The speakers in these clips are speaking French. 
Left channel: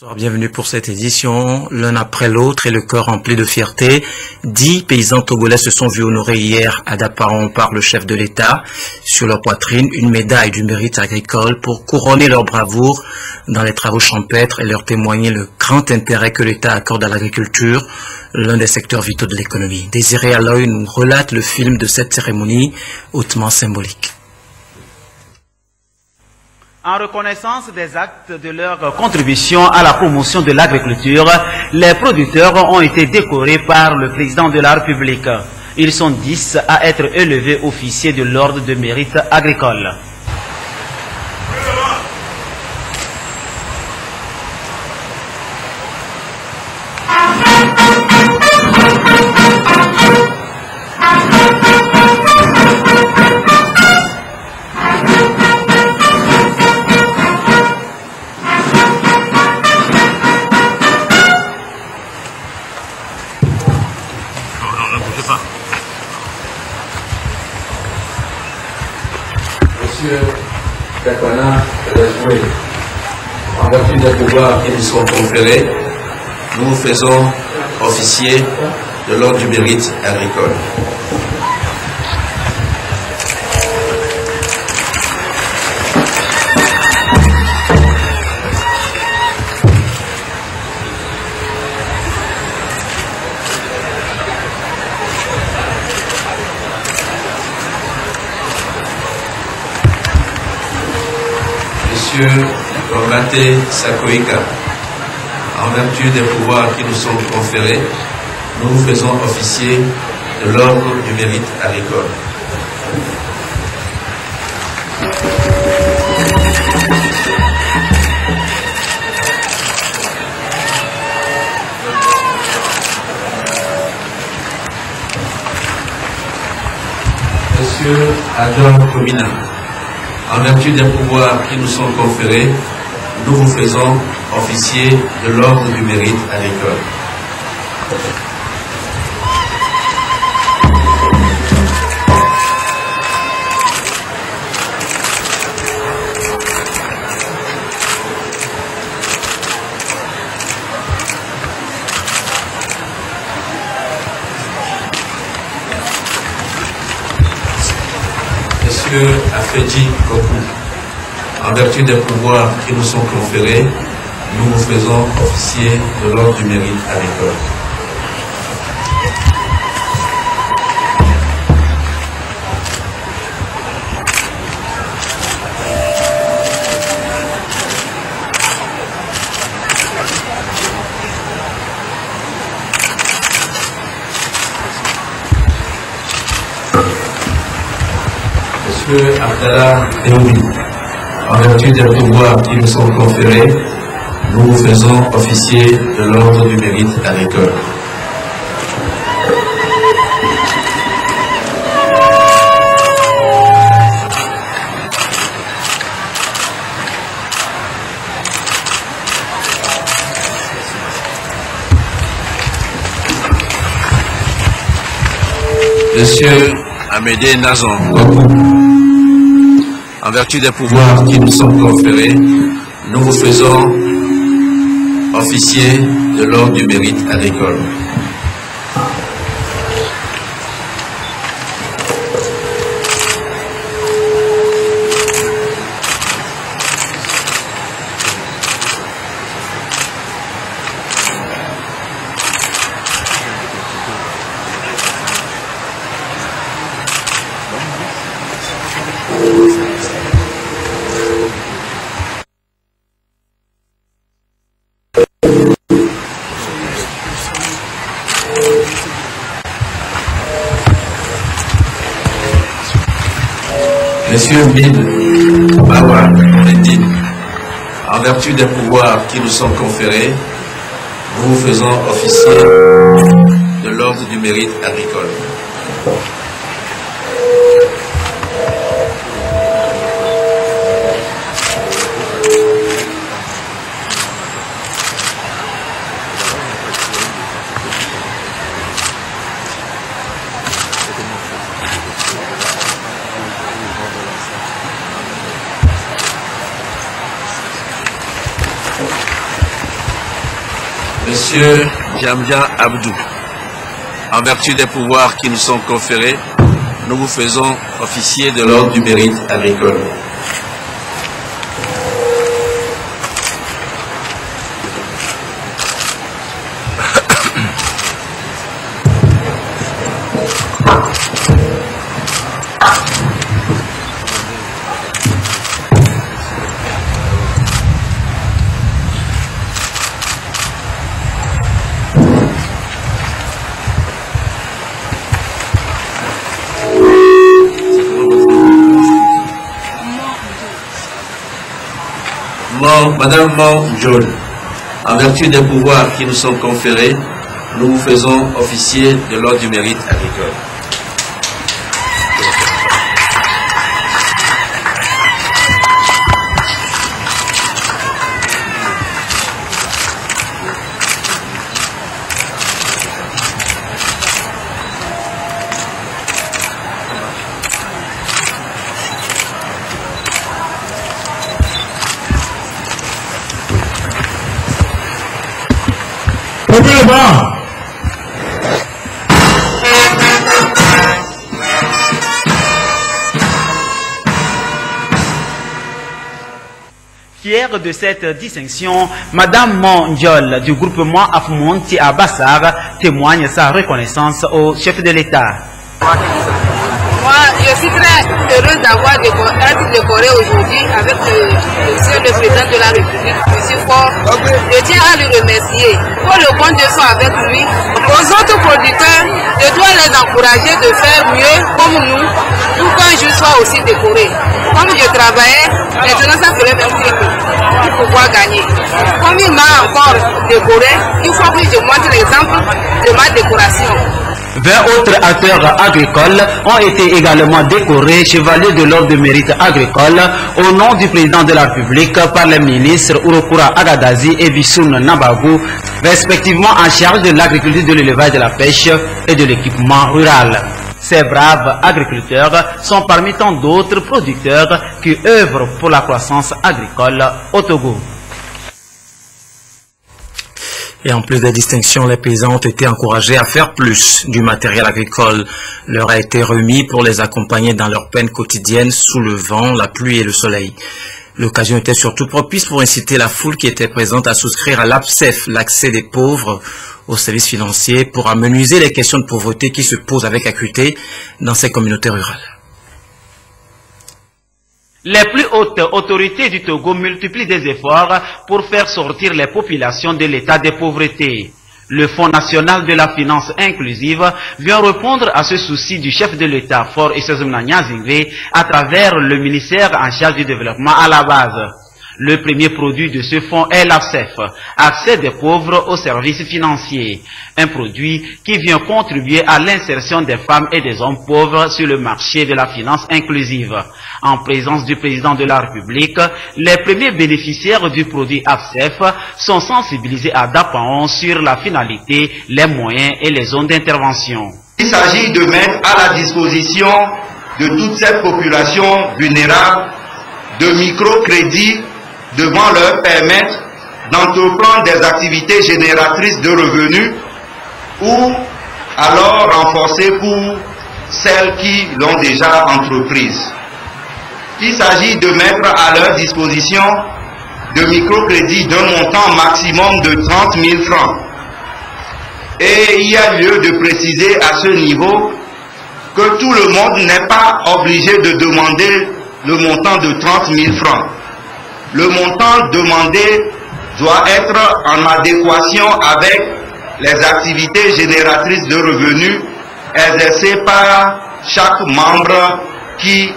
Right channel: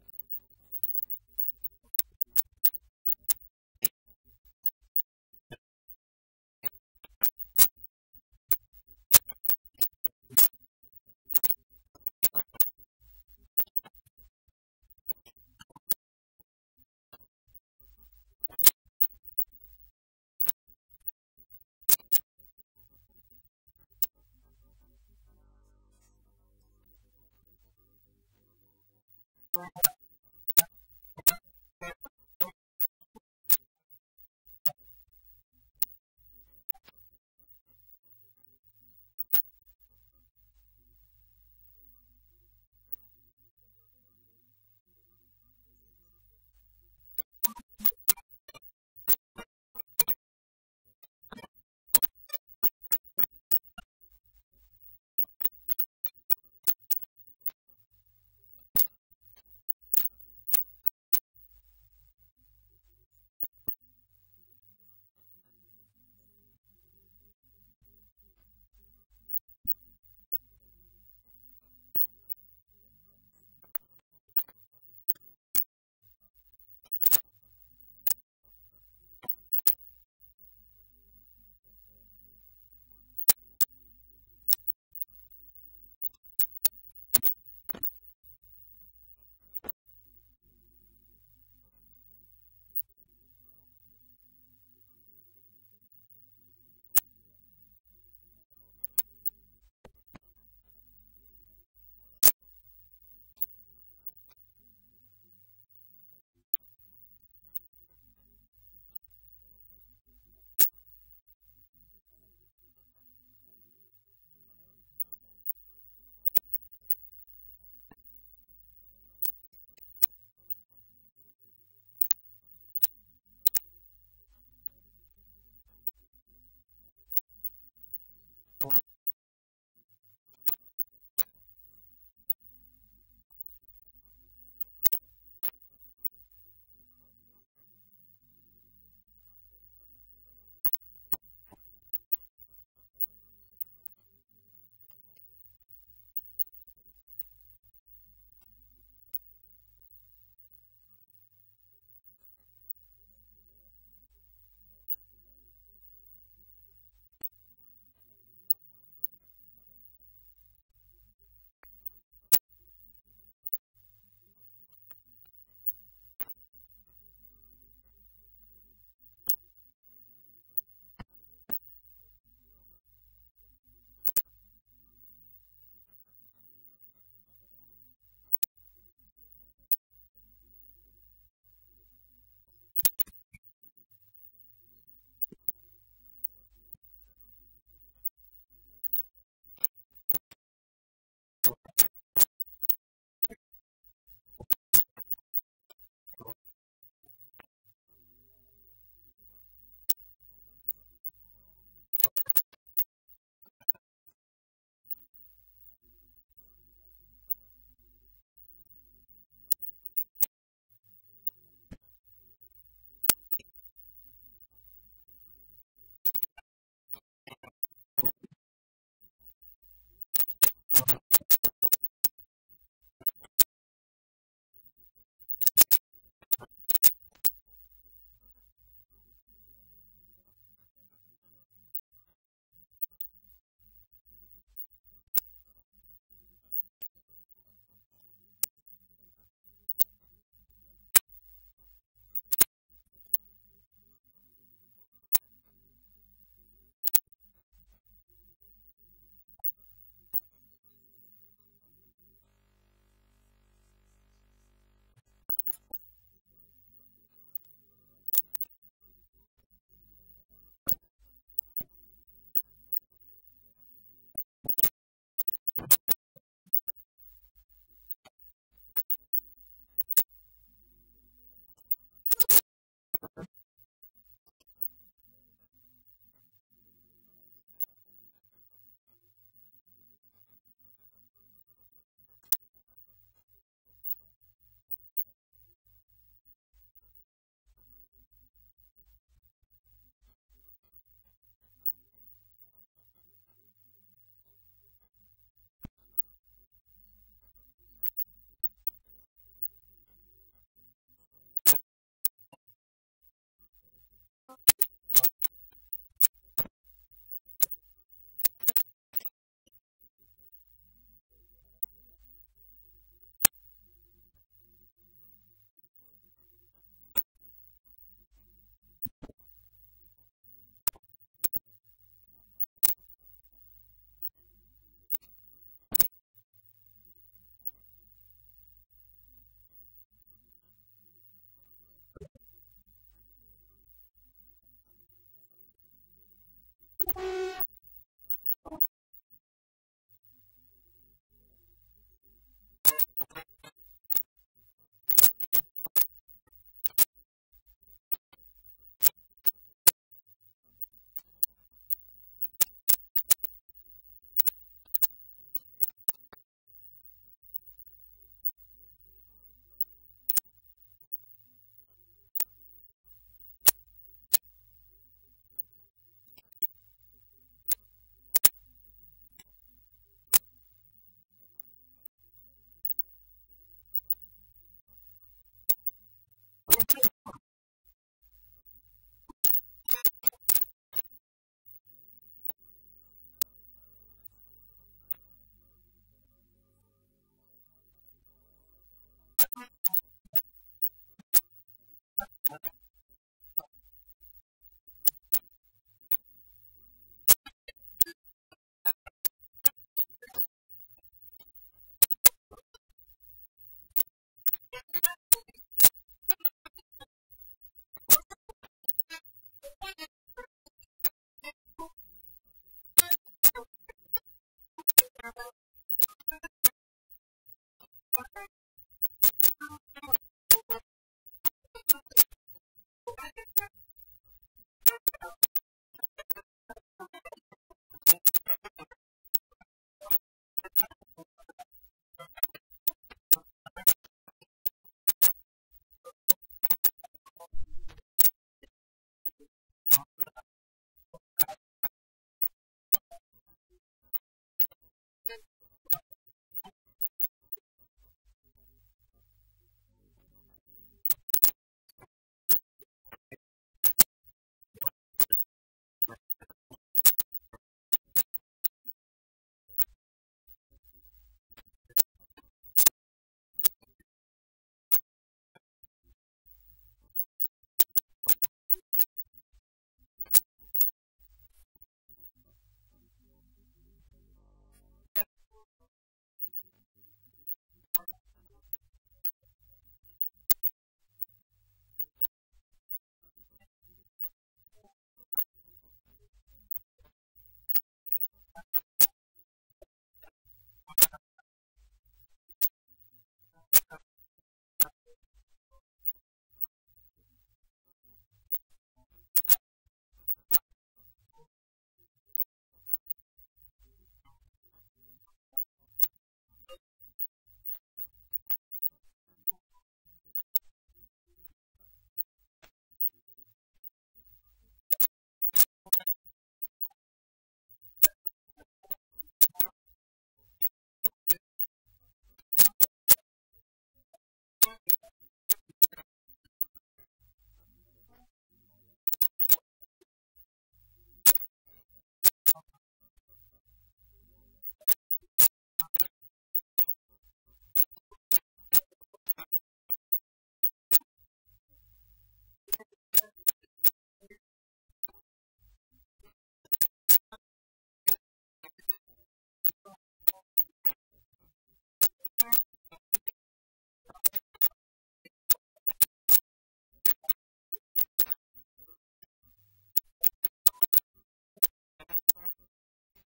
Bonsoir, bienvenue pour cette édition. L'un après l'autre et le cœur rempli de fierté, 10 paysans togolais se sont vus honorer hier à Daparon par le chef de l'État. Sur leur poitrine, une médaille du mérite agricole pour couronner leur bravoure dans les travaux champêtres et leur témoigner le grand intérêt que l'État accorde à l'agriculture, l'un des secteurs vitaux de l'économie. Désiré Aloy nous relate le film de cette cérémonie hautement symbolique. En reconnaissance des actes de leur contribution à la promotion de l'agriculture, les producteurs ont été décorés par le président de la République. Ils sont 10 à être élevés officiers de l'ordre de mérite agricole. Monsieur Kakwana Rajoué, en vertu des pouvoirs qui nous sont conférés, nous vous faisons officier de l'ordre du mérite agricole. Monsieur Romate Sakoïka, en vertu des pouvoirs qui nous sont conférés, nous vous faisons officier de l'ordre du mérite agricole. Monsieur Ador Komina, en vertu des pouvoirs qui nous sont conférés, nous vous faisons officier de l'ordre du mérite agricole. Monsieur Afedji Kokou, en vertu des pouvoirs qui nous sont conférés, nous vous faisons officier de l'ordre du mérite agricole. Monsieur Abdallah Eoui, en vertu des pouvoirs qui nous sont conférés, nous vous faisons officier de l'ordre du mérite agricole. Monsieur Amédée Nazon Kokou, en vertu des pouvoirs qui nous sont conférés, nous vous faisons officier de l'ordre du mérite agricole. Monsieur Mil Bawa Medine, en vertu des pouvoirs qui nous sont conférés, nous vous faisons officier de l'ordre du mérite agricole. Monsieur Djamdia Abdou, en vertu des pouvoirs qui nous sont conférés, nous vous faisons officier de l'ordre du mérite agricole. Madame Mon, en vertu des pouvoirs qui nous sont conférés, nous vous faisons officier de l'ordre du mérite agricole. Fière de cette distinction, Madame Mondiol du groupement Afmonti à Bassar témoigne sa reconnaissance au chef de l'État. Moi, je suis très heureuse d'avoir été décorée aujourd'hui avec monsieur le président de la République, monsieur Faure. Je tiens à le remercier pour le compte de soi avec lui. Aux autres producteurs, je dois les encourager de faire mieux comme nous, pour qu'un jour soit aussi décoré. Comme je travaillais, maintenant ça ferait partie pour pouvoir gagner. Comme il m'a encore décoré, il faut que je montre l'exemple de ma décoration. 20 autres acteurs agricoles ont été également décorés chevaliers de l'ordre de mérite agricole au nom du président de la République par les ministres Urokura Agadazi et Bissoun Nabagou, respectivement en charge de l'agriculture, de l'élevage, de la pêche et de l'équipement rural. Ces braves agriculteurs sont parmi tant d'autres producteurs qui œuvrent pour la croissance agricole au Togo. Et en plus des distinctions, les paysans ont été encouragés à faire plus. Du matériel agricole leur a été remis pour les accompagner dans leur peine quotidienne sous le vent, la pluie et le soleil. L'occasion était surtout propice pour inciter la foule qui était présente à souscrire à l'APSEF, l'accès des pauvres aux services financiers, pour amenuiser les questions de pauvreté qui se posent avec acuité dans ces communautés rurales. Les plus hautes autorités du Togo multiplient des efforts pour faire sortir les populations de l'état de pauvreté. Le Fonds national de la finance inclusive vient répondre à ce souci du chef de l'État, Faure Issezumna Nyazingbe, à travers le ministère en charge du développement à la base. Le premier produit de ce fonds est l'APSEF, accès des pauvres aux services financiers. Un produit qui vient contribuer à l'insertion des femmes et des hommes pauvres sur le marché de la finance inclusive. En présence du président de la République, les premiers bénéficiaires du produit APSEF sont sensibilisés à Dapaon sur la finalité, les moyens et les zones d'intervention. Il s'agit de mettre à la disposition de toute cette population vulnérable de microcrédits devant leur permettre d'entreprendre des activités génératrices de revenus ou alors renforcer pour celles qui l'ont déjà entreprise. Il s'agit de mettre à leur disposition de microcrédits d'un montant maximum de 30 000 francs. Et il y a lieu de préciser à ce niveau que tout le monde n'est pas obligé de demander le montant de 30 000 francs. Le montant demandé doit être en adéquation avec les activités génératrices de revenus exercées par chaque membre qui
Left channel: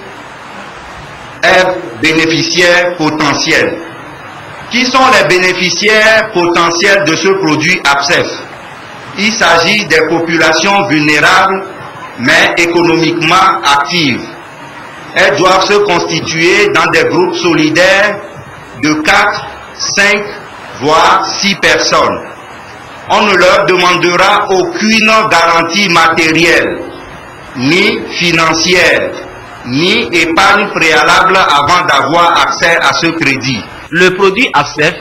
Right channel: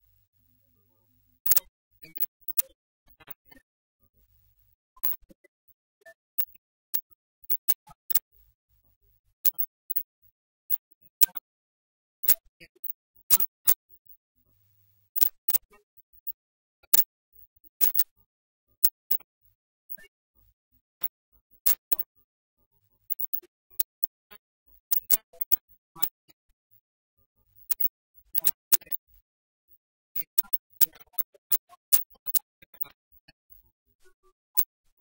est bénéficiaire potentiel. Qui sont les bénéficiaires potentiels de ce produit APSEF? Il s'agit des populations vulnérables mais économiquement actives. Elles doivent se constituer dans des groupes solidaires de 4, 5, voire 6 personnes. On ne leur demandera aucune garantie matérielle, ni financière, ni épargne préalable avant d'avoir accès à ce crédit. Le produit APSEF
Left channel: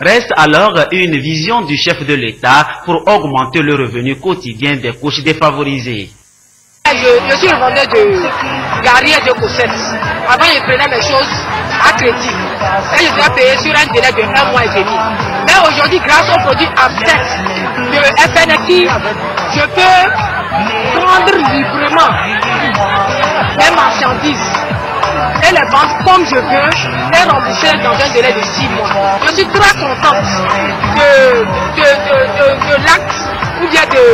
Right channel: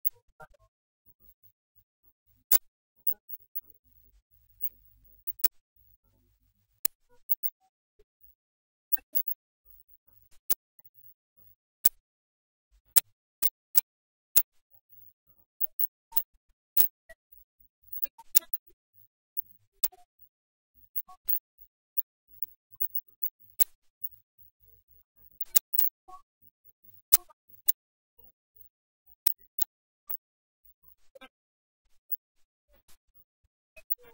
reste alors une vision du chef de l'État pour augmenter le revenu quotidien des couches défavorisées. Je suis le vendeur de Gary et de Cosset. Avant, je prenais les choses à crédit. Et je dois payer sur un délai de 1 mois et demi. Mais aujourd'hui, grâce au produit APSEF de FNFI, je peux vendre librement mes marchandises et les vendre comme je veux et rembourser dans un délai de 6 mois. Je suis très contente de l'acte ou bien de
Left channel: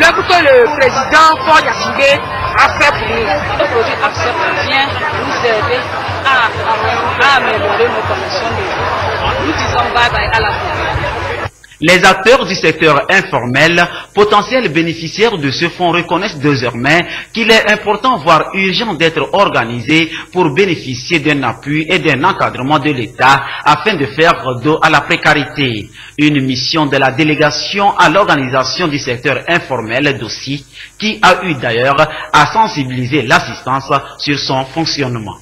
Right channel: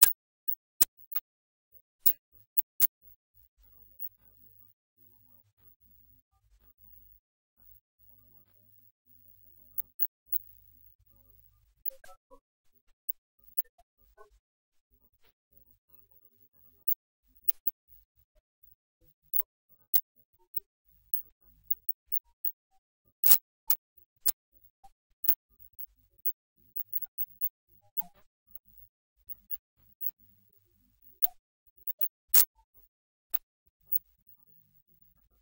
l'œuvre que le président Paul Yassine a fait pour nous. Le produit APSEF vient nous aider à améliorer nos conditions de vie. Nous disons bye bye à la vie. Les acteurs du secteur informel, potentiels bénéficiaires de ce fonds, reconnaissent désormais qu'il est important, voire urgent, d'être organisés pour bénéficier d'un appui et d'un encadrement de l'État afin de faire dos à la précarité. Une mission de la délégation à l'organisation du secteur informel d'Aussi, qui a eu d'ailleurs à sensibiliser l'assistance sur son fonctionnement.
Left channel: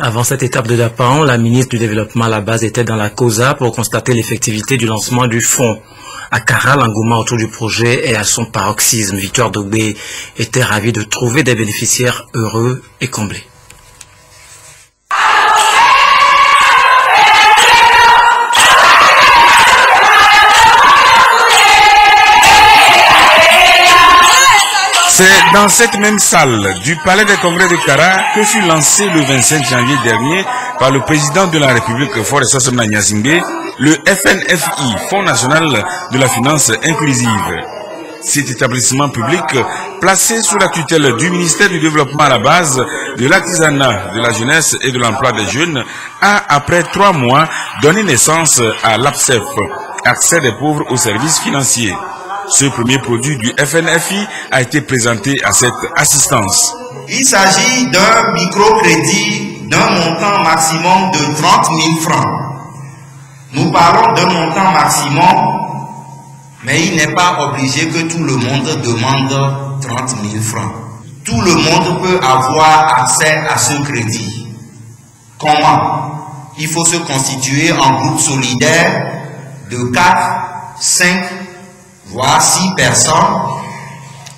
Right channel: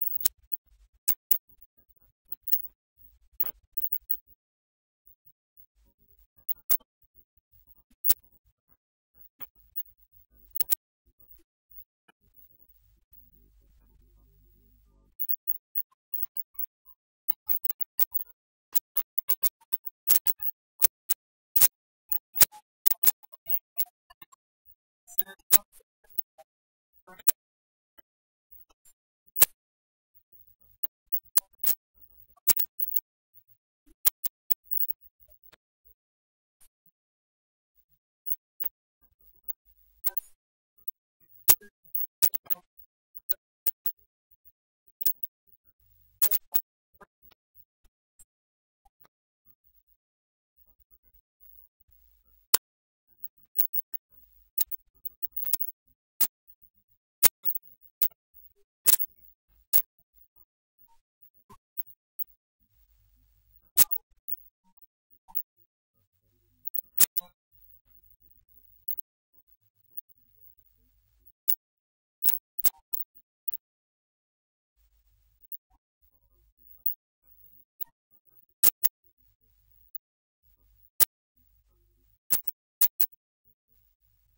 Avant cette étape de Dapan, la ministre du Développement à la base était dans la COSA pour constater l'effectivité du lancement du fonds. À Kara, l'engouement autour du projet est à son paroxysme. Victoire Dogbé était ravi de trouver des bénéficiaires heureux et comblés. C'est dans cette même salle du Palais des Congrès de Kara que fut lancé le 25 janvier dernier par le président de la République, Faure Sosomna Gnassingbé, le FNFI, Fonds national de la finance inclusive. Cet établissement public, placé sous la tutelle du ministère du Développement à la base, de l'artisanat, de la jeunesse et de l'emploi des jeunes, a, après 3 mois, donné naissance à l'APSEF, accès des pauvres aux services financiers. Ce premier produit du FNFI a été présenté à cette assistance. Il s'agit d'un microcrédit d'un montant maximum de 30 000 francs. Nous parlons d'un montant maximum, mais il n'est pas obligé que tout le monde demande 30 000 francs. Tout le monde peut avoir accès à ce crédit. Comment? Il faut se constituer en groupe solidaire de 4, 5, voire 6 personnes,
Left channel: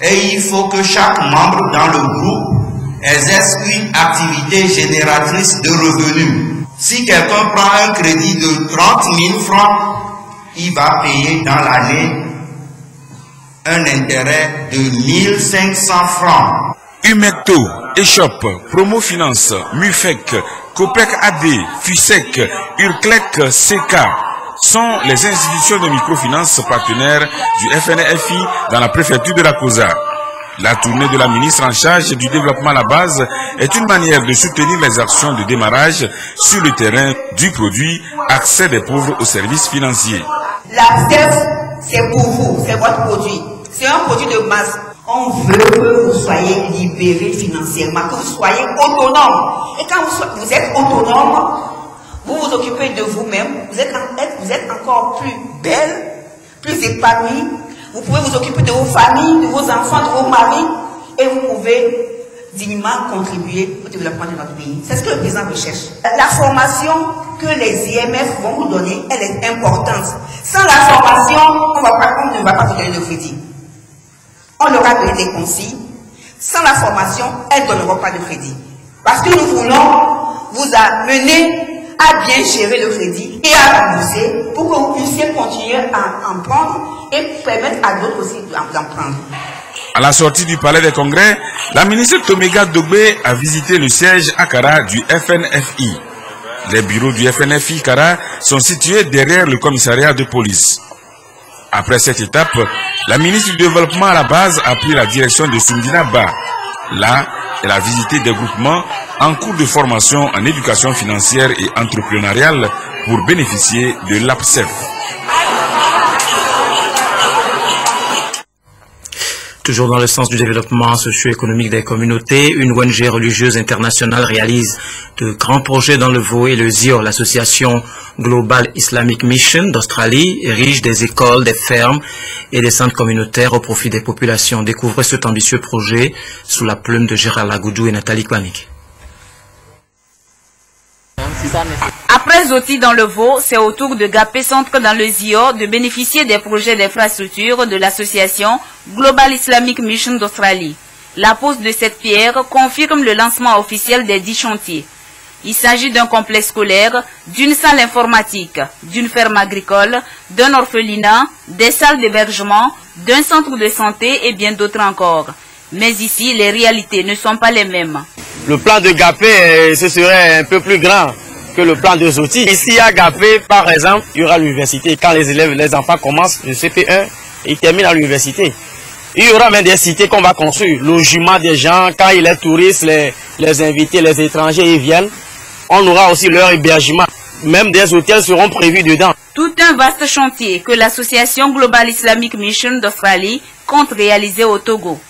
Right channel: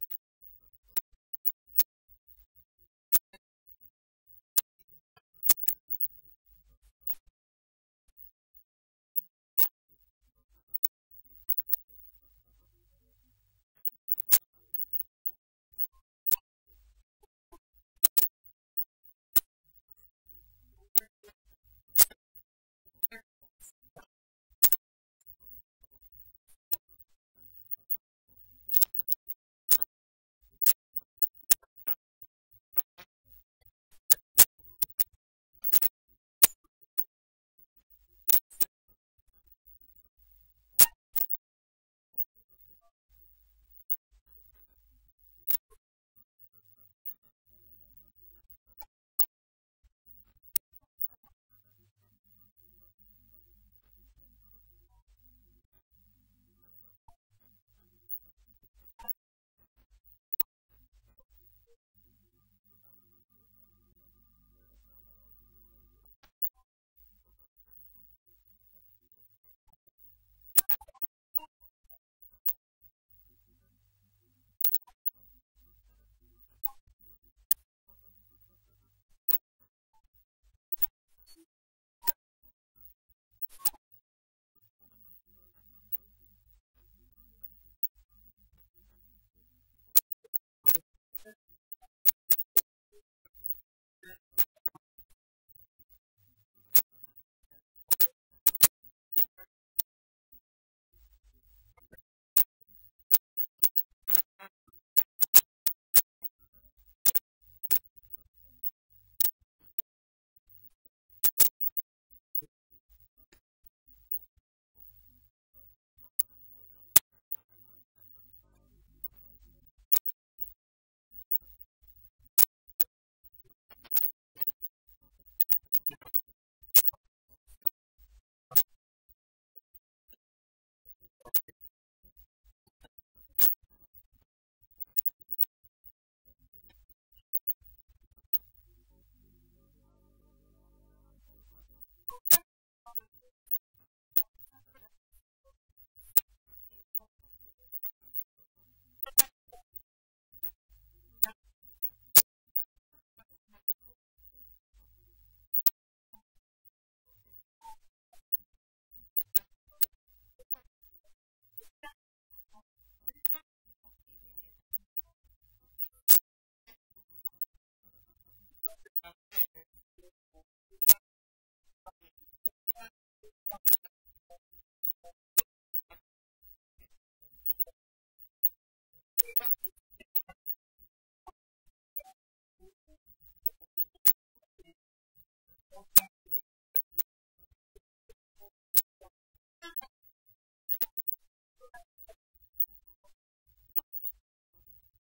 et il faut que chaque membre dans le groupe exerce une activité génératrice de revenus. Si quelqu'un prend un crédit de 30 000 francs, il va payer dans l'année un intérêt de 1 500 francs. Humecto, Eshop, Promo Finance, Mufec, Copec AD, Fusec, Urclec, CK sont les institutions de microfinance partenaires du FNFI dans la préfecture de la COSA. La tournée de la ministre en charge du développement à la base est une manière de soutenir les actions de démarrage sur le terrain du produit accès des pauvres aux services financiers. L'APSEF, c'est pour vous, c'est votre produit. C'est un produit de masse. On veut que vous soyez libérés financièrement, que vous soyez autonomes. Et quand vous êtes autonome, vous vous occupez de vous-même, vous êtes encore plus belle, plus épanouie. Vous pouvez vous occuper de vos familles, de vos enfants, de vos maris, et vous pouvez dignement contribuer au développement de notre pays. C'est ce que le président recherche. La formation que les IMF vont vous donner, elle est importante. Sans la formation, on ne va pas vous donner de crédit. On leur a donné des consignes. Sans la formation, elles ne donneront pas de crédit. Parce que nous voulons vous amener à bien gérer le crédit et à rembourser pour que vous puissiez continuer à en prendre et permettre à d'autres aussi d'en prendre. À la sortie du Palais des Congrès, la ministre Tomega Dogbé a visité le siège à Kara du FNFI. Les bureaux du FNFI Kara sont situés derrière le commissariat de police. Après cette étape, la ministre du Développement à la base a pris la direction de Sundina Ba. Là, elle a visité des groupements en cours de formation en éducation financière et entrepreneuriale pour bénéficier de l'APSEF. Toujours dans le sens du développement socio-économique des communautés, une ONG religieuse internationale réalise de grands projets dans le Vaud et le ZIOR. L'association Global Islamic Mission d'Australie érige des écoles, des fermes et des centres communautaires au profit des populations. Découvrez cet ambitieux projet sous la plume de Gérard Lagoudou et Nathalie Kwanik. Après Zoti dans le Vaud, c'est au tour de Gapé Centre dans le Zio de bénéficier des projets d'infrastructure de l'association Global Islamic Mission d'Australie. La pose de cette pierre confirme le lancement officiel des 10 chantiers. Il s'agit d'un complexe scolaire, d'une salle informatique, d'une ferme agricole, d'un orphelinat, des salles d'hébergement, d'un centre de santé et bien d'autres encore. Mais ici, les réalités ne sont pas les mêmes. Le plan de Gapé, ce serait un peu plus grand que le plan de Zoti. Ici à Gapé, par exemple, il y aura l'université. Quand les enfants commencent le CP1, ils terminent à l'université. Il y aura même des cités qu'on va construire. Logement des gens, quand il est touristes, les invités, les étrangers, ils viennent. On aura aussi leur hébergement. Même des hôtels seront prévus dedans. Tout un vaste chantier que l'association Global Islamic Mission d'Australie compte réaliser au Togo.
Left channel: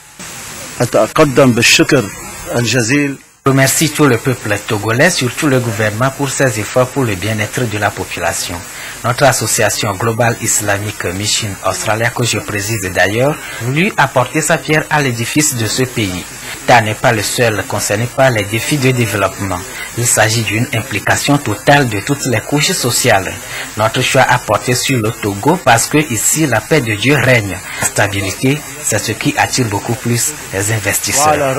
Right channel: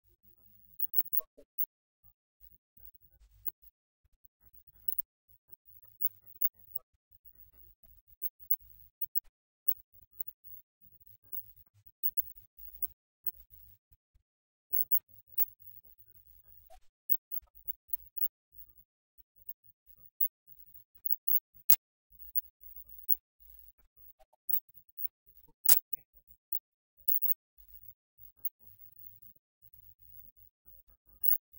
Je remercie tout le peuple togolais, surtout le gouvernement, pour ses efforts pour le bien-être de la population. Notre association Global Islamic Mission Australia, que je préside d'ailleurs, voulu apporter sa pierre à l'édifice de ce pays. L'État n'est pas le seul concerné par les défis de développement. Il s'agit d'une implication totale de toutes les couches sociales. Notre choix a porté sur le Togo parce que ici la paix de Dieu règne. La stabilité, c'est ce qui attire beaucoup plus les investisseurs.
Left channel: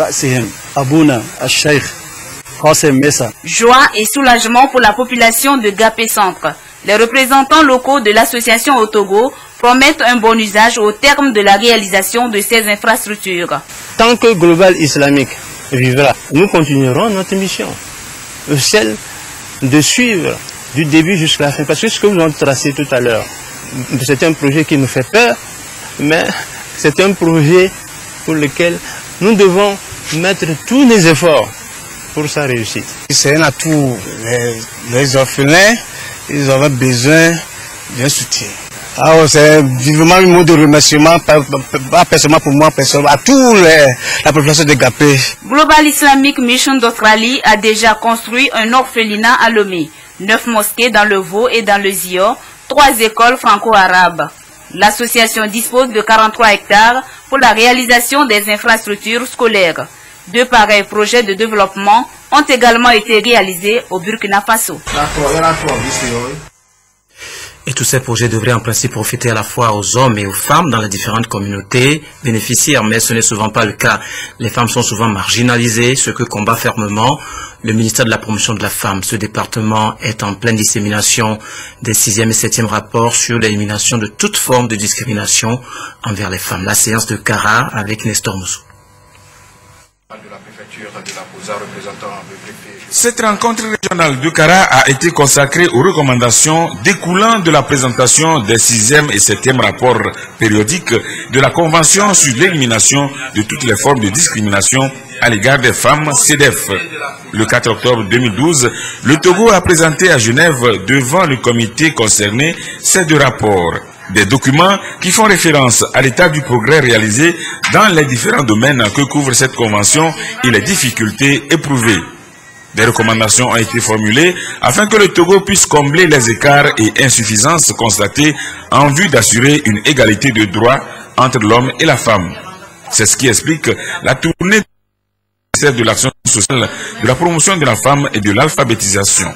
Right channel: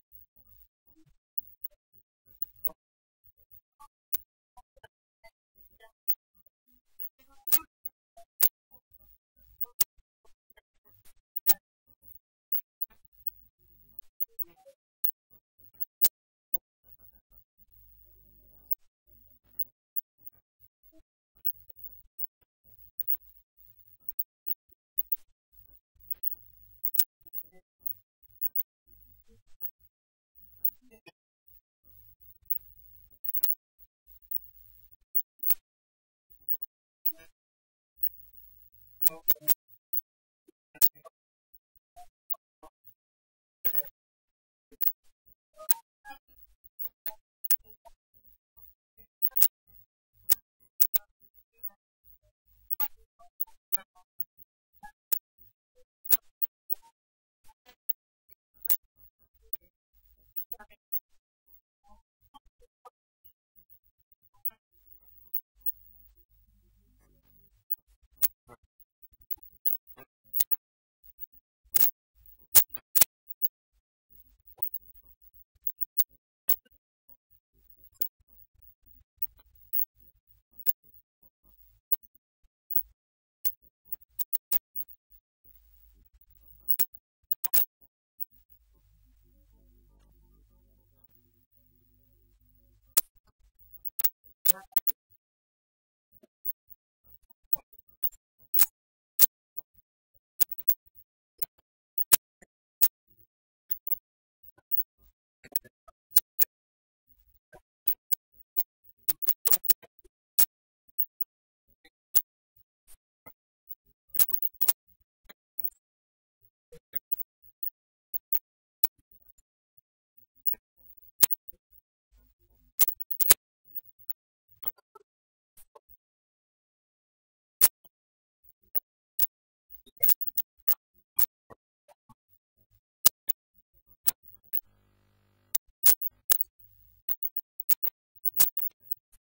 Joie et soulagement pour la population de Gapé Centre. Les représentants locaux de l'association au Togo promettent un bon usage au terme de la réalisation de ces infrastructures. Tant que Global Islamique vivra, nous continuerons notre mission. Celle de suivre du début jusqu'à la fin. Parce que ce que vous avez tracé tout à l'heure, c'est un projet qui nous fait peur, mais c'est un projet pour lequel nous devons mettre tous les efforts pour sa réussite. C'est un atout. Les orphelins, ils auraient besoin d'un soutien. C'est vivement un mot de remerciement, pas personnellement pour moi, à toute la population de Gapé. Global Islamic Mission d'Australie a déjà construit un orphelinat à Lomé, 9 mosquées dans le Vaud et dans le Zio, 3 écoles franco-arabes. L'association dispose de 43 hectares pour la réalisation des infrastructures scolaires. 2 pareils projets de développement ont également été réalisés au Burkina Faso. Et tous ces projets devraient en principe profiter à la fois aux hommes et aux femmes dans les différentes communautés bénéficiaires, mais ce n'est souvent pas le cas. Les femmes sont souvent marginalisées, ce que combat fermement le ministère de la Promotion de la Femme. Ce département est en pleine dissémination des 6e et 7e rapports sur l'élimination de toute forme de discrimination envers les femmes. La séance de Kara avec Nestor Moussou. Cette rencontre régionale de Kara a été consacrée aux recommandations découlant de la présentation des 6e et 7e rapports périodiques de la Convention sur l'élimination de toutes les formes de discrimination à l'égard des femmes, CEDEF. Le 4 octobre 2012, le Togo a présenté à Genève devant le comité concerné ces 2 rapports. Des documents qui font référence à l'état du progrès réalisé dans les différents domaines que couvre cette convention et les difficultés éprouvées. Des recommandations ont été formulées afin que le Togo puisse combler les écarts et insuffisances constatées en vue d'assurer une égalité de droits entre l'homme et la femme. C'est ce qui explique la tournée de l'action sociale, de la promotion de la femme et de l'alphabétisation.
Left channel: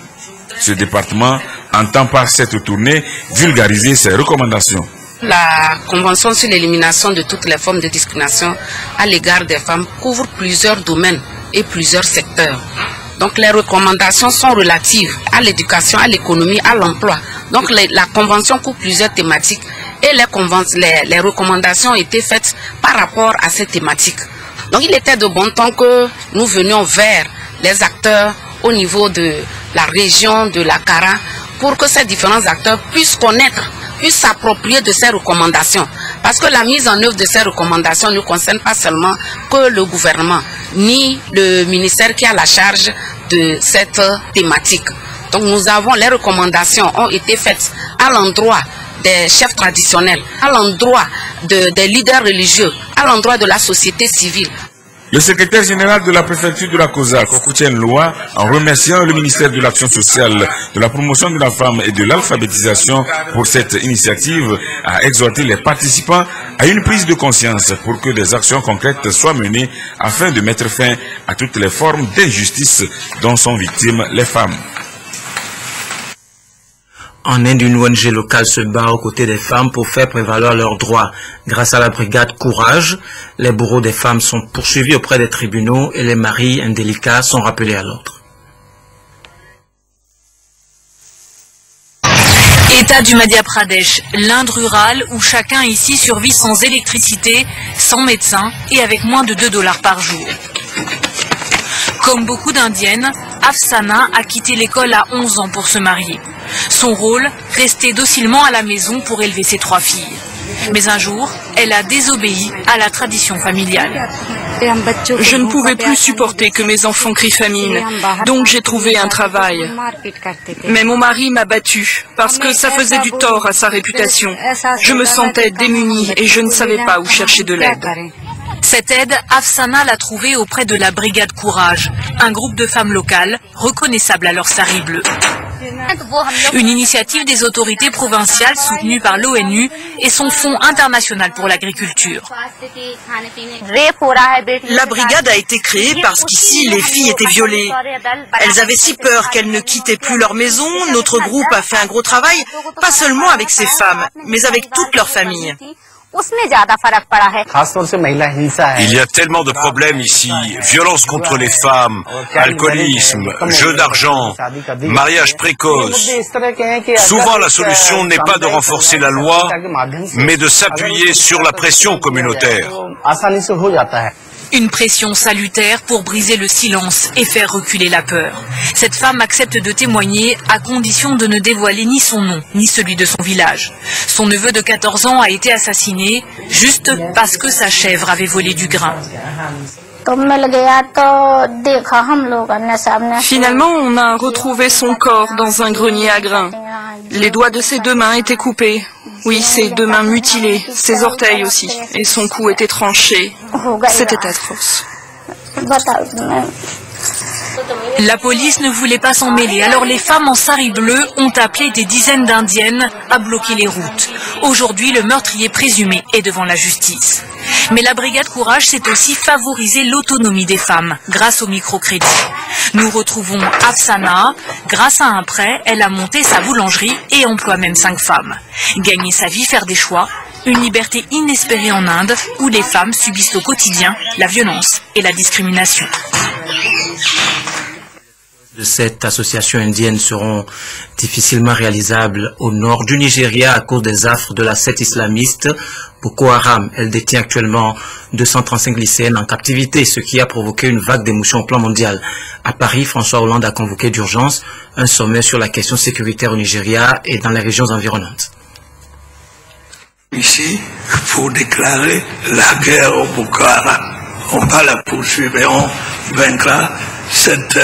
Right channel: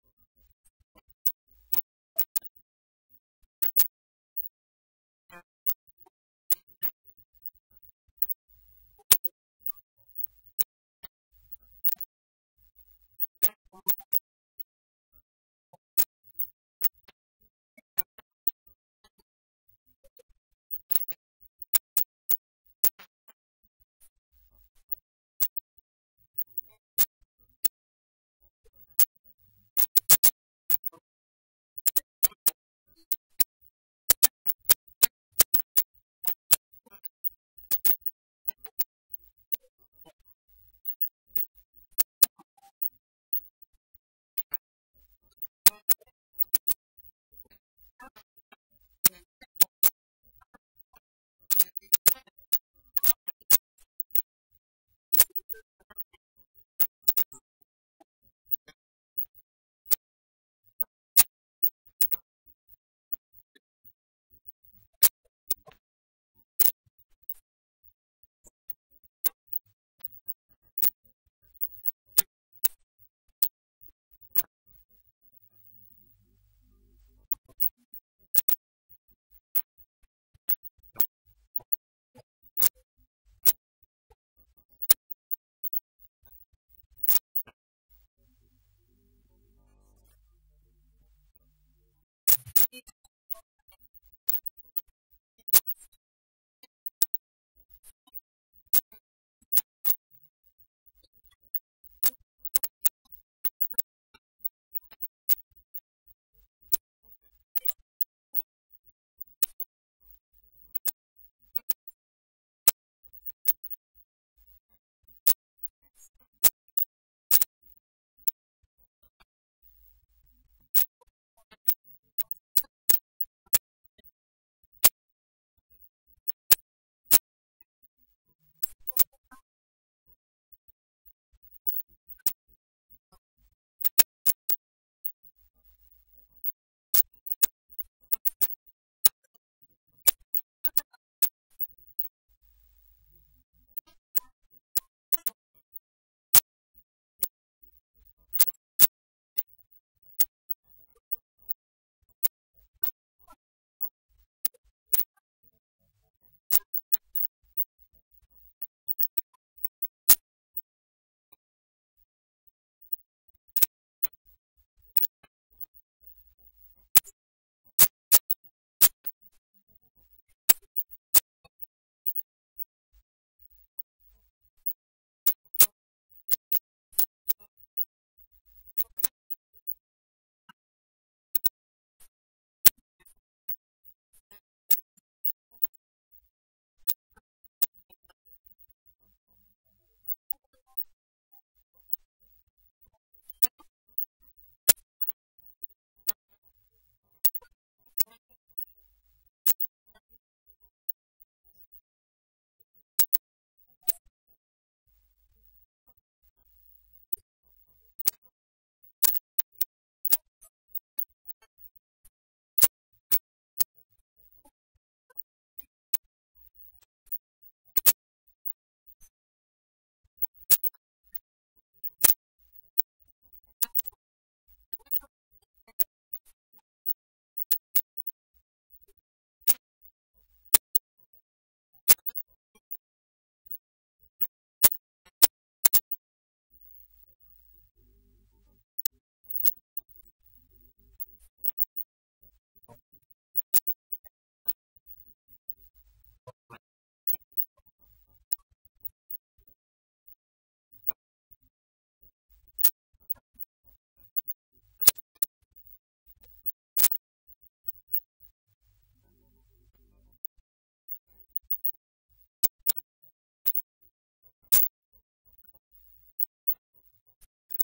Ce département entend par cette tournée vulgariser ses recommandations. La Convention sur l'élimination de toutes les formes de discrimination à l'égard des femmes couvre plusieurs domaines et plusieurs secteurs. Donc les recommandations sont relatives à l'éducation, à l'économie, à l'emploi. Donc la Convention couvre plusieurs thématiques et les recommandations ont été faites par rapport à ces thématiques. Donc il était de bon temps que nous venions vers les acteurs au niveau de la région de la Kara pour que ces différents acteurs puissent connaître, puissent s'approprier de ces recommandations. Parce que la mise en œuvre de ces recommandations ne concerne pas seulement que le gouvernement, ni le ministère qui a la charge de cette thématique. Donc les recommandations ont été faites à l'endroit des chefs traditionnels, à l'endroit des leaders religieux, à l'endroit de la société civile. Le secrétaire général de la préfecture de la COSA, Kokoutien Loa, en remerciant le ministère de l'Action sociale, de la promotion de la femme et de l'alphabétisation pour cette initiative, a exhorté les participants à une prise de conscience pour que des actions concrètes soient menées afin de mettre fin à toutes les formes d'injustice dont sont victimes les femmes. En Inde, une ONG locale se bat aux côtés des femmes pour faire prévaloir leurs droits. Grâce à la brigade Courage, les bourreaux des femmes sont poursuivis auprès des tribunaux et les maris indélicats sont rappelés à l'ordre. État du Madhya Pradesh, l'Inde rurale où chacun ici survit sans électricité, sans médecin et avec moins de $2 par jour. Comme beaucoup d'Indiennes, Afsana a quitté l'école à 11 ans pour se marier. Son rôle, rester docilement à la maison pour élever ses 3 filles. Mais un jour, elle a désobéi à la tradition familiale. Je ne pouvais plus supporter que mes enfants crient famine, donc j'ai trouvé un travail. Mais mon mari m'a battue parce que ça faisait du tort à sa réputation. Je me sentais démunie et je ne savais pas où chercher de l'aide. Cette aide, Afsana l'a trouvée auprès de la brigade Courage, un groupe de femmes locales reconnaissables à leur sari bleu. Une initiative des autorités provinciales soutenue par l'ONU et son Fonds international pour l'agriculture. La brigade a été créée parce qu'ici, les filles étaient violées. Elles avaient si peur qu'elles ne quittaient plus leur maison. Notre groupe a fait un gros travail, pas seulement avec ces femmes, mais avec toute leur famille. Il y a tellement de problèmes ici, violence contre les femmes, alcoolisme, jeu d'argent, mariage précoce. Souvent la solution n'est pas de renforcer la loi, mais de s'appuyer sur la pression communautaire. Une pression salutaire pour briser le silence et faire reculer la peur. Cette femme accepte de témoigner à condition de ne dévoiler ni son nom, ni celui de son village. Son neveu de 14 ans a été assassiné juste parce que sa chèvre avait volé du grain. Finalement, on a retrouvé son corps dans un grenier à grains. Les doigts de ses 2 mains étaient coupés. Oui, ses 2 mains mutilées, ses orteils aussi, et son cou était tranché. C'était atroce. La police ne voulait pas s'en mêler, alors les femmes en sari bleu ont appelé des dizaines d'Indiennes à bloquer les routes. Aujourd'hui, le meurtrier présumé est devant la justice. Mais la brigade Courage sait aussi favoriser l'autonomie des femmes grâce au microcrédit. Nous retrouvons Afsana. Grâce à un prêt, elle a monté sa boulangerie et emploie même 5 femmes. Gagner sa vie, faire des choix, une liberté inespérée en Inde où les femmes subissent au quotidien la violence et la discrimination. De cette association indienne seront difficilement réalisables au nord du Nigeria à cause des affres de la secte islamiste Boko Haram. Elle détient actuellement 235 lycéennes en captivité, ce qui a provoqué une vague d'émotion au plan mondial. À Paris, François Hollande a convoqué d'urgence un sommet sur la question sécuritaire au Nigeria et dans les régions environnantes. Ici, pour déclarer la guerre au Boko Haram. On va la poursuivre et on vaincra cette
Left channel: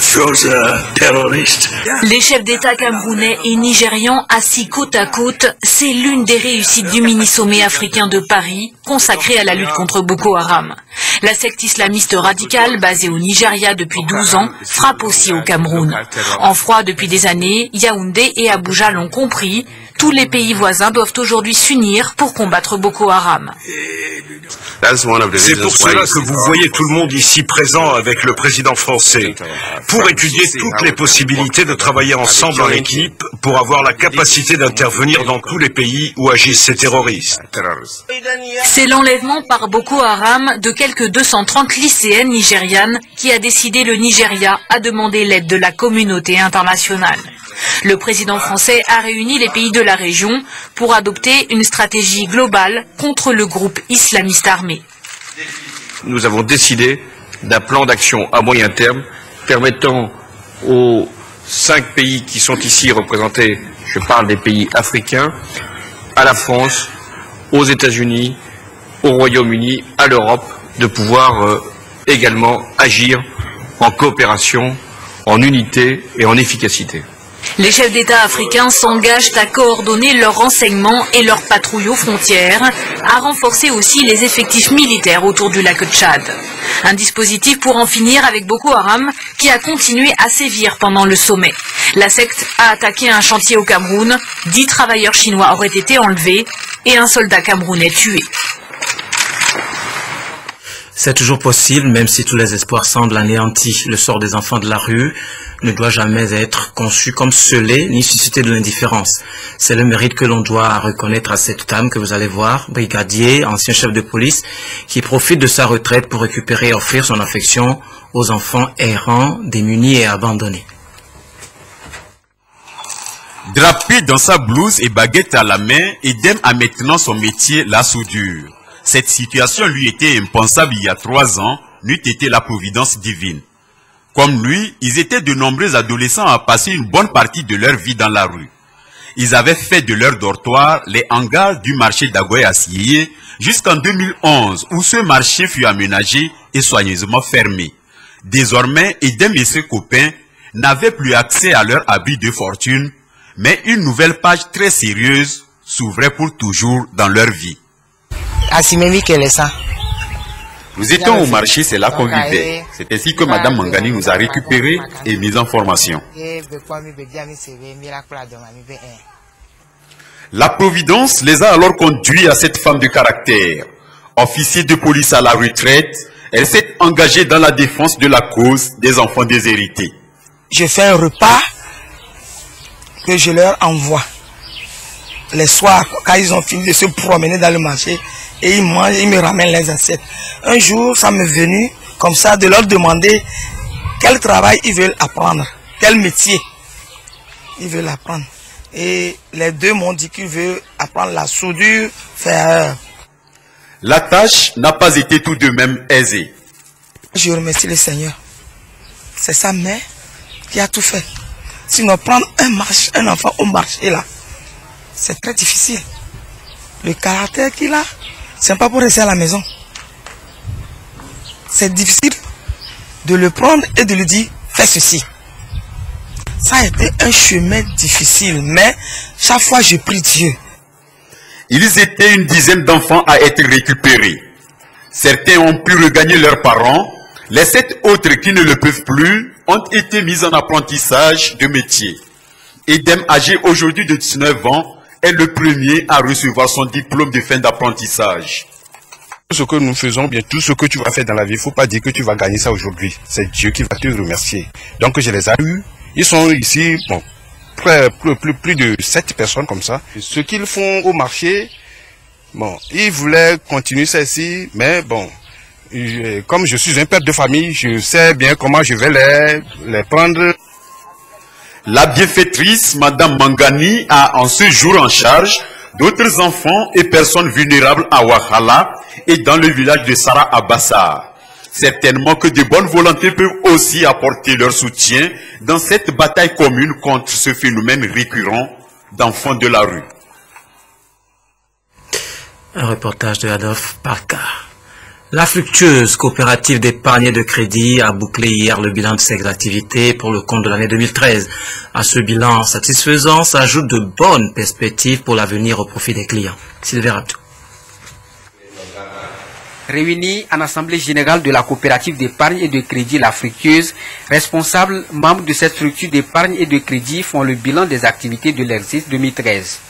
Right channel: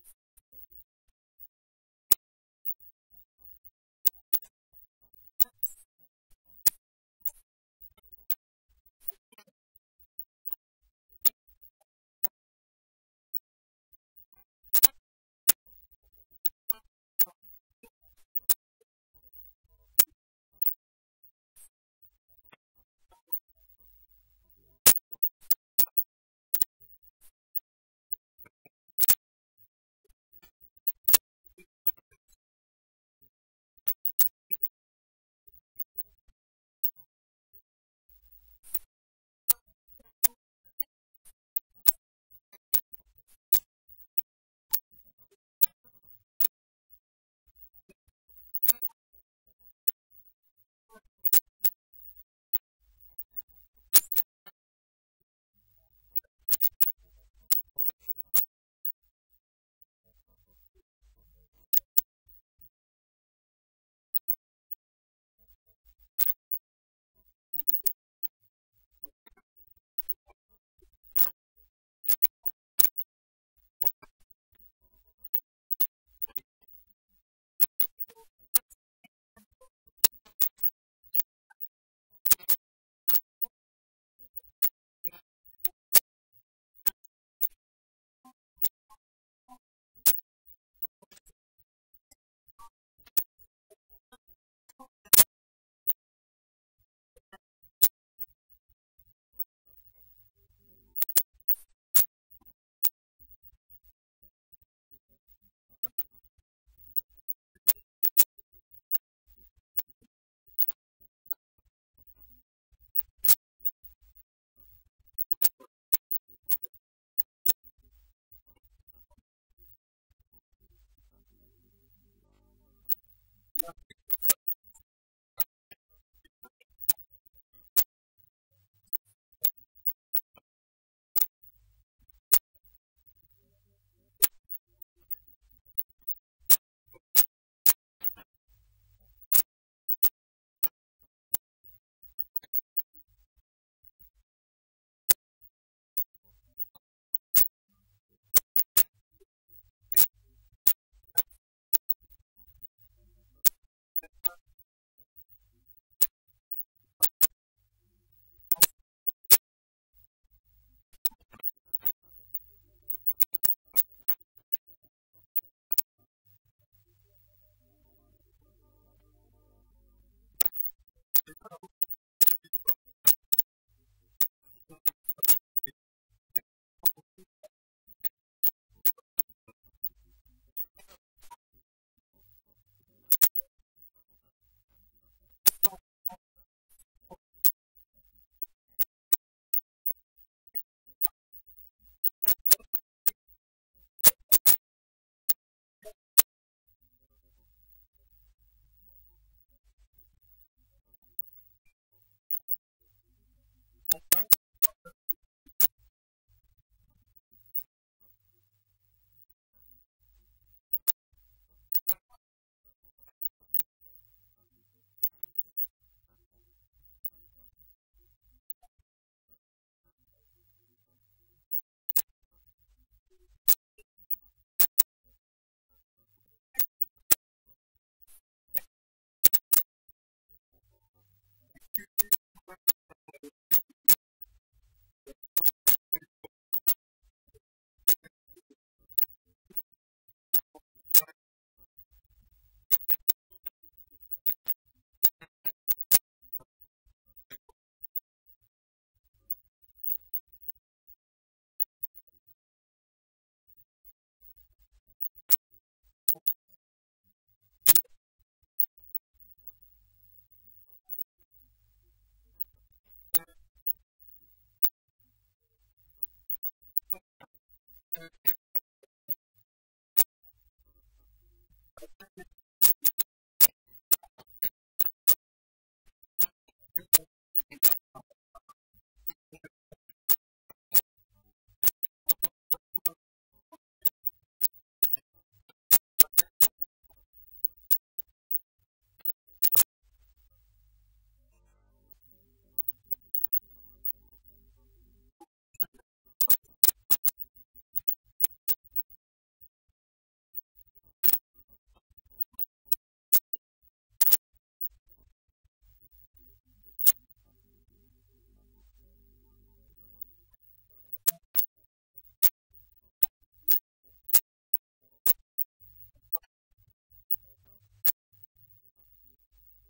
chose terroriste. Les chefs d'État camerounais et nigérians assis côte à côte, c'est l'une des réussites du mini-sommet africain de Paris, consacré à la lutte contre Boko Haram. La secte islamiste radicale, basée au Nigeria depuis 12 ans, frappe aussi au Cameroun. En froid depuis des années, Yaoundé et Abuja l'ont compris, tous les pays voisins doivent aujourd'hui s'unir pour combattre Boko Haram. C'est pour cela que vous voyez tout le monde ici présent avec le président français, pour étudier toutes les possibilités de travailler ensemble en équipe pour avoir la capacité d'intervenir dans tous les pays où agissent ces terroristes. C'est l'enlèvement par Boko Haram de quelques 230 lycéennes nigérianes qui a décidé le Nigeria à demander l'aide de la communauté internationale. Le président français a réuni les pays de la région pour adopter une stratégie globale contre le groupe islamiste armé. Nous avons décidé d'un plan d'action à moyen terme permettant aux 5 pays qui sont ici représentés, je parle des pays africains, à la France, aux États-Unis, au Royaume-Uni, à l'Europe, de pouvoir également agir en coopération, en unité et en efficacité. Les chefs d'État africains s'engagent à coordonner leurs renseignements et leurs patrouilles aux frontières, à renforcer aussi les effectifs militaires autour du lac Tchad. Un dispositif pour en finir avec Boko Haram qui a continué à sévir pendant le sommet. La secte a attaqué un chantier au Cameroun, 10 travailleurs chinois auraient été enlevés et un soldat camerounais tué. C'est toujours possible, même si tous les espoirs semblent anéantis. Le sort des enfants de la rue, ne doit jamais être conçu comme scellé ni susciter de l'indifférence. C'est le mérite que l'on doit reconnaître à cette dame que vous allez voir, brigadier, ancien chef de police, qui profite de sa retraite pour récupérer et offrir son affection aux enfants errants, démunis et abandonnés. Drapé dans sa blouse et baguette à la main, Edem a maintenant son métier, la soudure. Cette situation lui était impensable il y a 3 ans, n'eût été la providence divine. Comme lui, ils étaient de nombreux adolescents à passer une bonne partie de leur vie dans la rue. Ils avaient fait de leur dortoir les hangars du marché d'Agoye à Sieye jusqu'en 2011 où ce marché fut aménagé et soigneusement fermé. Désormais, Edem et ses copains n'avaient plus accès à leur abri de fortune, mais une nouvelle page très sérieuse s'ouvrait pour toujours dans leur vie. Nous étions au marché, c'est là qu'on vivait. C'est ainsi que Madame Mangani nous a récupérés et mis en formation. La Providence les a alors conduits à cette femme de caractère. Officier de police à la retraite, elle s'est engagée dans la défense de la cause des enfants déshérités. Je fais un repas que je leur envoie. Les soirs, quand ils ont fini de se promener dans le marché, et ils mangent, ils me ramènent les assiettes. Un jour, ça m'est venu comme ça de leur demander quel travail ils veulent apprendre, quel métier ils veulent apprendre. Et les deux m'ont dit qu'ils veulent apprendre la soudure ferreur. La tâche n'a pas été tout de même aisée. Je remercie le Seigneur. C'est sa mère qui a tout fait. Sinon, prendre un enfant au marché là, c'est très difficile. Le caractère qu'il a, c'est pas pour rester à la maison. C'est difficile de le prendre et de lui dire fais ceci. Ça a été un chemin difficile, mais chaque fois je prie Dieu. Ils étaient une dizaine d'enfants à être récupérés. Certains ont pu regagner leurs parents. Les 7 autres qui ne le peuvent plus ont été mis en apprentissage de métier. Edem, âgé aujourd'hui de 19 ans, est le premier à recevoir son diplôme de fin d'apprentissage. Ce que nous faisons, bien tout ce que tu vas faire dans la vie, il ne faut pas dire que tu vas gagner ça aujourd'hui. C'est Dieu qui va te remercier. Donc je les ai eus. Ils sont ici, bon, plus de 7 personnes comme ça. Ce qu'ils font au marché, bon, ils voulaient continuer ça ici, mais bon, comme je suis un père de famille, je sais bien comment je vais les prendre. La bienfaitrice, Madame Mangani, a en ce jour en charge d'autres enfants et personnes vulnérables à Ouahala et dans le village de Sara Abassar. Certainement que de bonnes volontés peuvent aussi apporter leur soutien dans cette bataille commune contre ce phénomène récurrent d'enfants de la rue. Un reportage de Adolphe Parker. La fructueuse coopérative d'épargne et de crédit a bouclé hier le bilan de ses activités pour le compte de l'année 2013. À ce bilan satisfaisant s'ajoutent de bonnes perspectives pour l'avenir au profit des clients. Sylvain Rabdou. Réunis en assemblée générale de la coopérative d'épargne et de crédit La Fructueuse, responsables membres de cette structure d'épargne et de crédit font le bilan des activités de l'exercice 2013.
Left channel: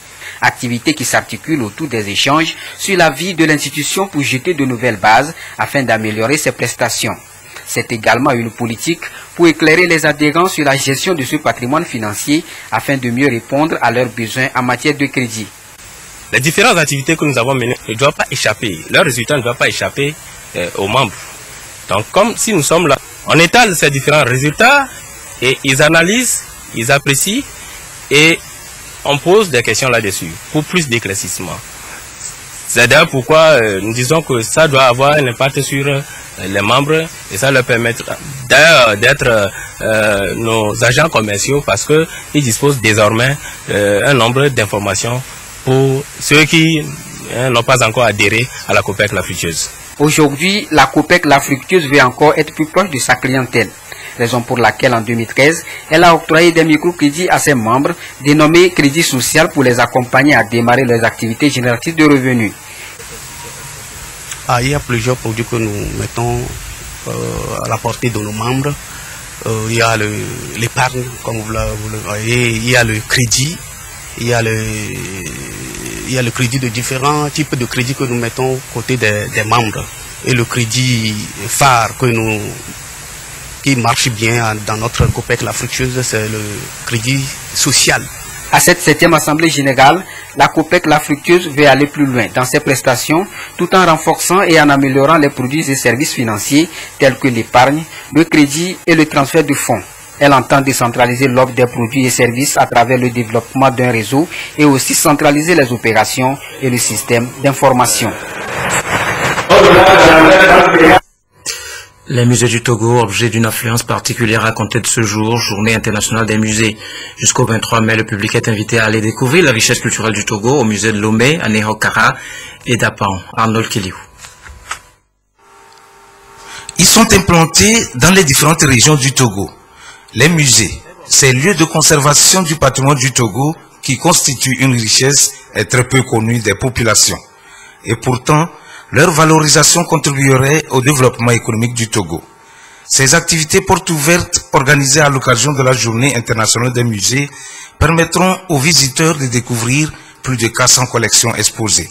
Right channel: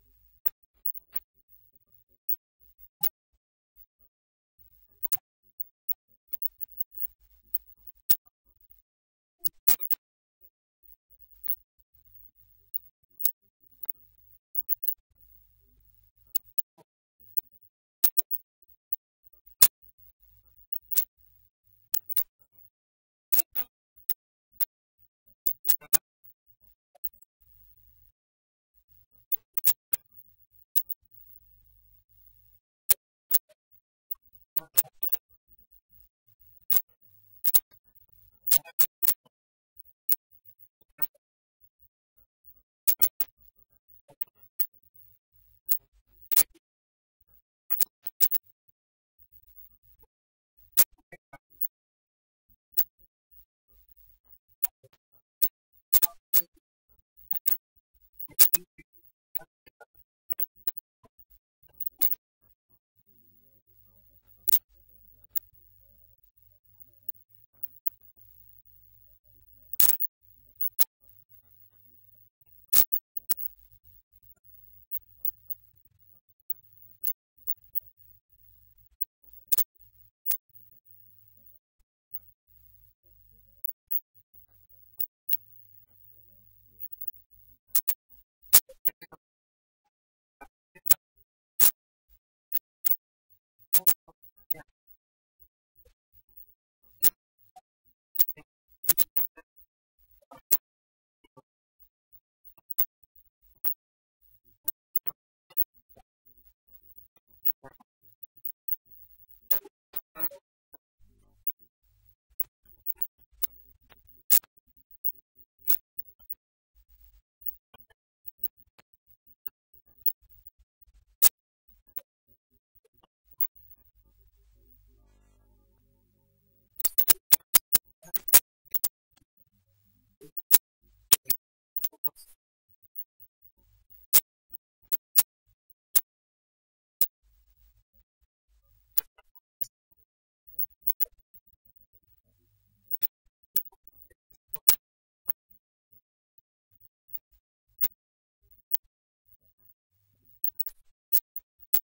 Activités qui s'articulent autour des échanges sur la vie de l'institution pour jeter de nouvelles bases afin d'améliorer ses prestations. C'est également une politique pour éclairer les adhérents sur la gestion de ce patrimoine financier afin de mieux répondre à leurs besoins en matière de crédit. Les différentes activités que nous avons menées ne doivent pas échapper, leurs résultats ne doivent pas échapper aux membres. Donc comme si nous sommes là, on étale ces différents résultats et ils analysent, ils apprécient et on pose des questions là-dessus pour plus d'éclaircissement. C'est d'ailleurs pourquoi nous disons que ça doit avoir un impact sur les membres et ça leur permettra d'ailleurs d'être nos agents commerciaux parce qu'ils disposent désormais un nombre d'informations pour ceux qui n'ont pas encore adhéré à la COPEC La Fructueuse. Aujourd'hui, la COPEC La Fructueuse veut encore être plus proche de sa clientèle. Raison pour laquelle en 2013, elle a octroyé des microcrédits à ses membres, dénommés crédits sociaux pour les accompagner à démarrer leurs activités génératrices de revenus. Il y a plusieurs produits que nous mettons à la portée de nos membres. Il y a l'épargne, comme vous le voyez, il y a le crédit, il y a le crédit de différents types de crédits que nous mettons aux côtés des membres. Et le crédit phare que nous qui marche bien dans notre COPEC La Fructueuse, c'est le crédit social. À cette 7e Assemblée générale, la COPEC La Fructueuse veut aller plus loin dans ses prestations tout en renforçant et en améliorant les produits et services financiers tels que l'épargne, le crédit et le transfert de fonds. Elle entend décentraliser l'offre des produits et services à travers le développement d'un réseau et aussi centraliser les opérations et le système d'information. Les musées du Togo, objet d'une affluence particulière à compter de ce jour, journée internationale des musées. Jusqu'au 23 mai, le public est invité à aller découvrir la richesse culturelle du Togo au musée de Lomé, à Néhokara et d'Apan. Arnold Kiliou. Ils sont implantés dans les différentes régions du Togo. Les musées, ces lieux de conservation du patrimoine du Togo qui constituent une richesse est très peu connue des populations. Et pourtant, leur valorisation contribuerait au développement économique du Togo. Ces activités portes ouvertes organisées à l'occasion de la Journée internationale des musées permettront aux visiteurs de découvrir plus de 400 collections exposées.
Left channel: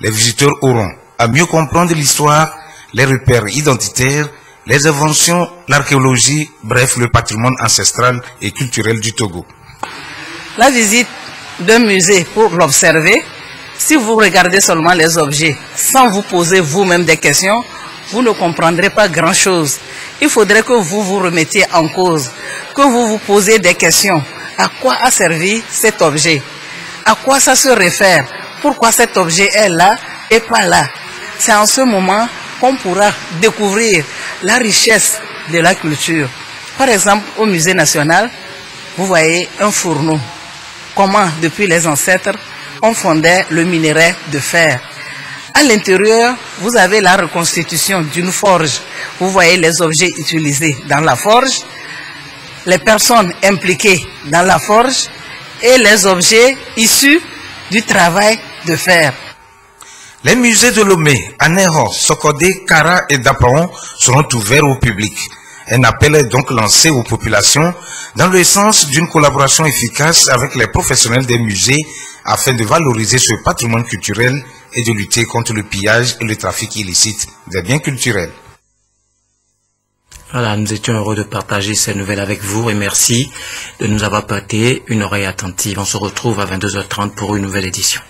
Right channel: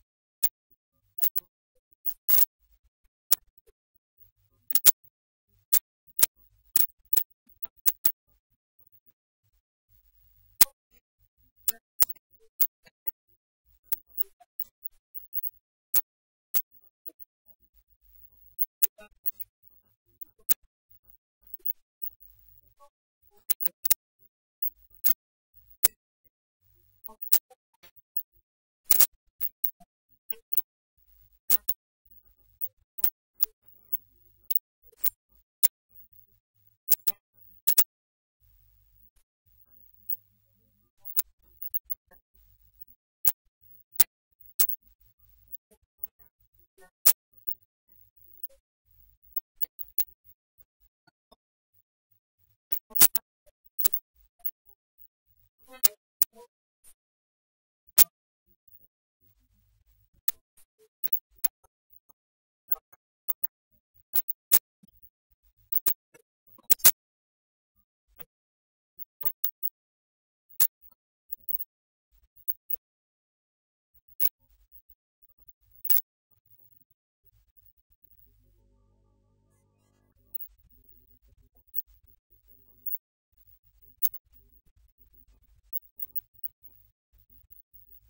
Les visiteurs auront à mieux comprendre l'histoire, les repères identitaires, les inventions, l'archéologie, bref, le patrimoine ancestral et culturel du Togo. La visite d'un musée pour l'observer, si vous regardez seulement les objets sans vous poser vous-même des questions, vous ne comprendrez pas grand-chose. Il faudrait que vous vous remettiez en cause, que vous vous posiez des questions. À quoi a servi cet objet? À quoi ça se réfère? Pourquoi cet objet est là et pas là? C'est en ce moment qu'on pourra découvrir la richesse de la culture. Par exemple, au musée national, vous voyez un fourneau. Comment, depuis les ancêtres, on fondait le minerai de fer. À l'intérieur, vous avez la reconstitution d'une forge. Vous voyez les objets utilisés dans la forge, les personnes impliquées dans la forge et les objets issus du travail de fer. Les musées de Lomé, Aného, Sokodé, Kara et Dapaon seront ouverts au public. Un appel est donc lancé aux populations dans le sens d'une collaboration efficace avec les professionnels des musées afin de valoriser ce patrimoine culturel et de lutter contre le pillage et le trafic illicite des biens culturels. Voilà, nous étions heureux de partager ces nouvelles avec vous et merci de nous avoir prêté une oreille attentive. On se retrouve à 22h30 pour une nouvelle édition.